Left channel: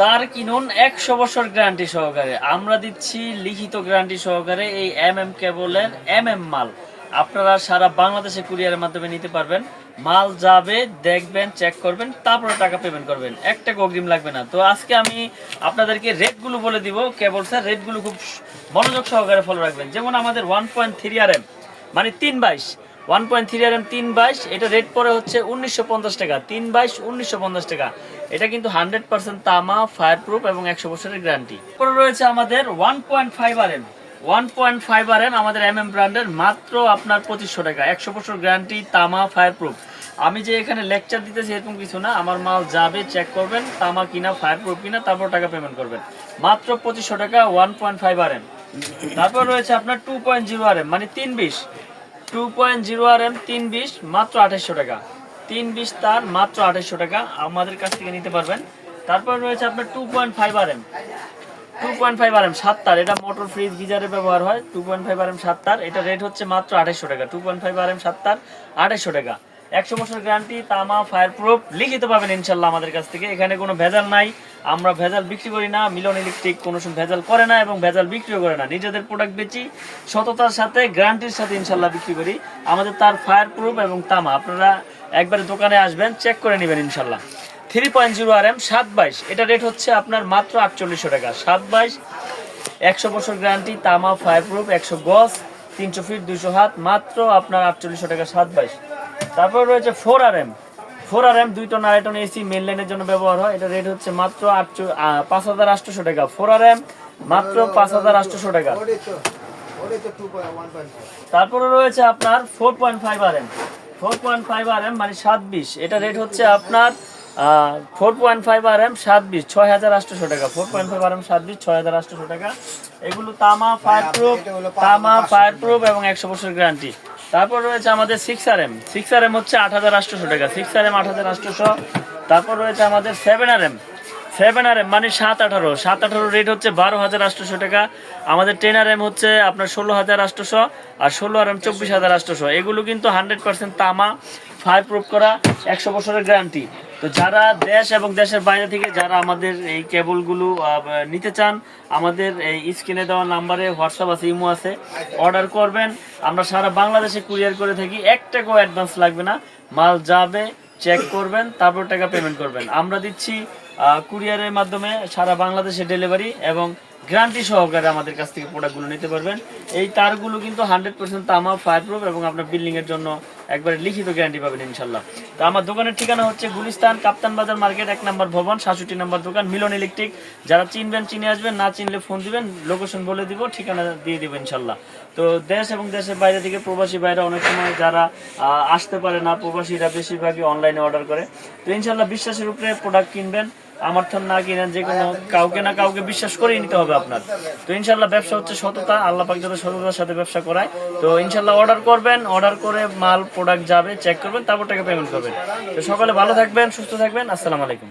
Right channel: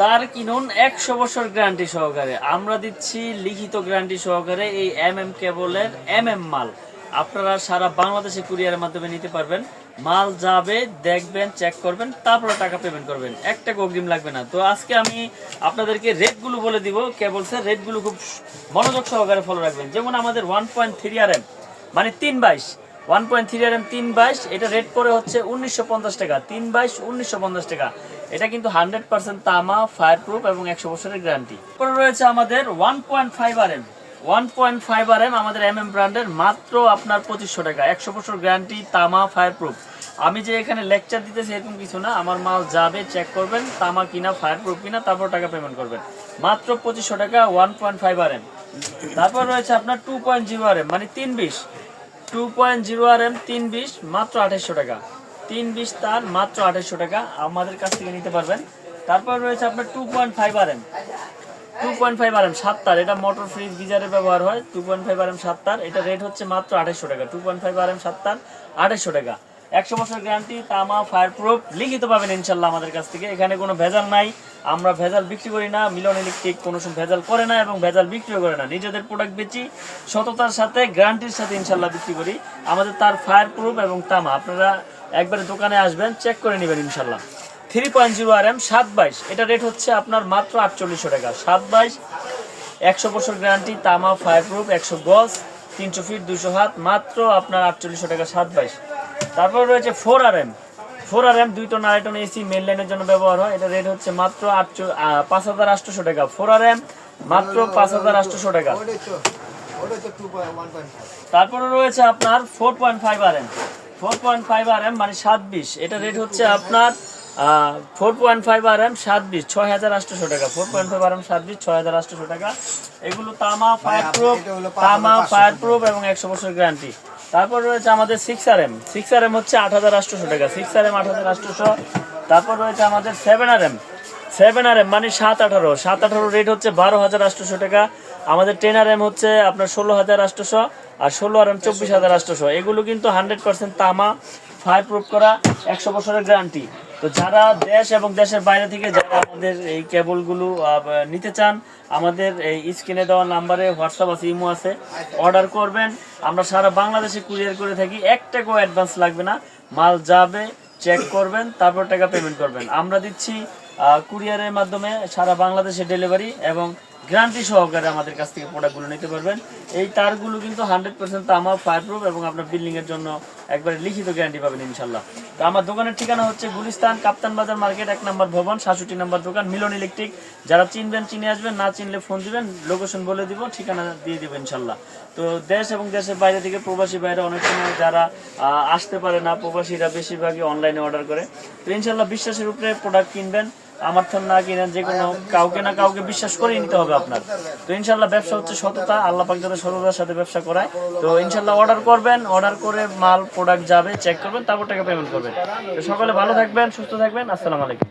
তার কিনুন 100 বছর গ্যারান্টি সহকারে। আমরা দিচ্ছি লিখিত গ্যারান্টি সহকারে এই কেবলের মাল। আপনারা সারা বাংলাদেশে কুরিয়ারের মাধ্যমে নিতে পারবেন। মাল যাবে, দেখবেন, চেক করবেন, তারপরে টাকা পেমেন্ট করবেন। একটা অগ্রিম লাগবে না। তো আজকে আমি আপনাদেরকে রেটগুলো বলে দিব। কেবলসের রেটগুলো খুব মনোযোগ সহকারে ফলো রাখবেন। যেমন আমাদের 1.3 RM মানে 322, 1.3 RM 322, এটা রেট পরে হচ্ছে 1950 টাকা। 322 1950 টাকা। এটা কিন্তু 100% তামা, ফায়ার প্রুফ এবং 100 বছরের গ্যারান্টি। পরে রয়েছে আমাদের 1.5 RM, 1.5 RM আমাদের ব্র্যান্ডের, মাত্র আপনার 2500 টাকা। 100 বছর গ্যারান্টি, তামা, ফায়ার প্রুফ। আমি যে এখানে লেকচার দিতেছি এরকম কিছু না। আমার মাল যাবে, চেক করবেন, তামা কিনা, ফায়ার প্রুফ কিনা, তারপর টাকা পেমেন্ট করবেন। মাত্র 2500 টাকা 1.5 RM। তারপর রয়েছে আপনার 2.0 RM মানে 320, 2.0 RM 320, মাত্র 2800 টাকা। 320 তার মাত্র 2800 টাকা আমাদের কাছ থেকে নিতে পারবেন। তারপর রয়েছে আপনার 2.5 RM, 2.5 RM 7 তার। এটা মোটর, ফ্রিজ, গিজারে ব্যবহার হয়। 2.5 RM 7 তার, এটা রেট হচ্ছে মাত্র 2800 টাকা। 2.5 RM 7 তার 2800 টাকা। 100 বছর গ্যারান্টি, তামা, ফায়ার প্রুফ, লিখিত পাবেন ইনশাল্লাহ আমাদের কাছ থেকে। এখানে কোনো ভেজাল নাই। আমরা ভেজাল বিক্রি করি না। মিলন ইলেকট্রিক কোনো সময় ভেজাল করে না এবং ভেজাল বিক্রিও করে না। নিজেদের প্রোডাক্ট বেচি, সততার সাথে, গ্যারান্টির সাথে ইনশাল্লাহ বিক্রি করি। আমাদের তার, ফায়ার প্রুফ এবং তামা আপনারা একবারে দোকানে আসবেন, চেক করে নেবেন ইনশাল্লাহ। 3.0 RM 722, এটা রেট হচ্ছে আপনার মাত্র 4800 টাকা। 722, 100 বছর গ্যারান্টি, তামা, ফায়ার প্রুফ, 100 গজ, 300 ফিট, 200 হাত, মাত্র আপনার 4800 টাকা। 722। তারপর রয়েছে 4 RM, 4 RM 2 টন আড়াই টন এসি মেন লাইনের জন্য ব্যবহার হয়। এটা রেট হচ্ছে মাত্র 5800 টাকা। 4 RM মাত্র 5800 টাকা। তারপরে রয়েছে আপনার 4.5 RM, 4.5 RM মানে 720, এটা রেট হচ্ছে আপনার 4.5 RM 720, 6800 টাকা। 4.5 RM 720, 6800 টাকা। এগুলো তামা, ফায়ার প্রুফ, তামা, ফায়ার প্রুফ এবং 100 বছর গ্যারান্টি। তারপর রয়েছে আমাদের 6 RM, 6 RM হচ্ছে 8800 টাকা। 6 RM 8800। তারপর রয়েছে আমাদের 7 RM, 7 RM মানে 718, 718 রেট হচ্ছে 12800 টাকা। আমাদের 10 RM হচ্ছে আপনার 16800, আর 16 RM 24800। এগুলো কিন্তু 100% তামা, ফায়ার প্রুফ করা, 100 বছরের গ্যারান্টি। তো যারা দেশ এবং দেশের বাইরে থেকে যারা আমাদের এই কেবলগুলো নিতে চান, আমাদের এই স্ক্রিনে দেওয়া নাম্বারে হোয়াটসঅ্যাপ আছে, ইমো আছে, অর্ডার করবেন। আমরা সারা বাংলাদেশে কুরিয়ার করে থাকি। 1 টাকাও অ্যাডভান্স লাগবে না। মাল যাবে, চেক করবেন, তারপর টাকা পেমেন্ট করবেন। আমরা দিচ্ছি কুরিয়ারের মাধ্যমে সারা বাংলাদেশে ডেলিভারি এবং গ্যারান্টি সহকারে আমাদের কাছ থেকে প্রোডাক্টগুলো নিতে পারবেন। এই তারগুলো কিন্তু 100% তামা, ফায়ার প্রুফ এবং আপনার বিল্ডিং এর জন্য একবারে লিখিত গ্যারান্টি পাবেন ইনশাল্লাহ। তো আমার দোকানের ঠিকানা হচ্ছে গুলিস্তান, কাপ্তান বাজার মার্কেট, 1 নম্বর ভবন, 67 নম্বর দোকান, মিলন ইলেকট্রিক। যারা চিনবেন চিনে আসবেন, না চিনলে ফোন দিবেন, লোকেশন বলে দিব, ঠিকানা দিয়ে দিব ইনশাল্লাহ। তো দেশ এবং দেশের বাইরে থেকে প্রবাসী বাইরে অনেক সময় যারা আসতে পারে না, প্রবাসীরা বেশিরভাগই অনলাইনে অর্ডার করে। তো ইনশাল্লাহ বিশ্বাসের উপরে প্রোডাক্ট কিনবেন। আমার তো না কিনেন, যে কোনো কাউকে না কাউকে বিশ্বাস করে নিতে হবে আপনার। তো ইনশাল্লাহ ব্যবসা হচ্ছে সততা, আল্লাহ পাক যাতে সততার সাথে ব্যবসা করায়। তো ইনশাল্লাহ অর্ডার করবেন, অর্ডার করে মাল প্রোডাক্ট যাবে, চেক করবেন, তারপর টাকা পেমেন্ট করবেন। তো সকলে ভালো থাকবেন, সুস্থ থাকবেন। আসসালামু আলাইকুম।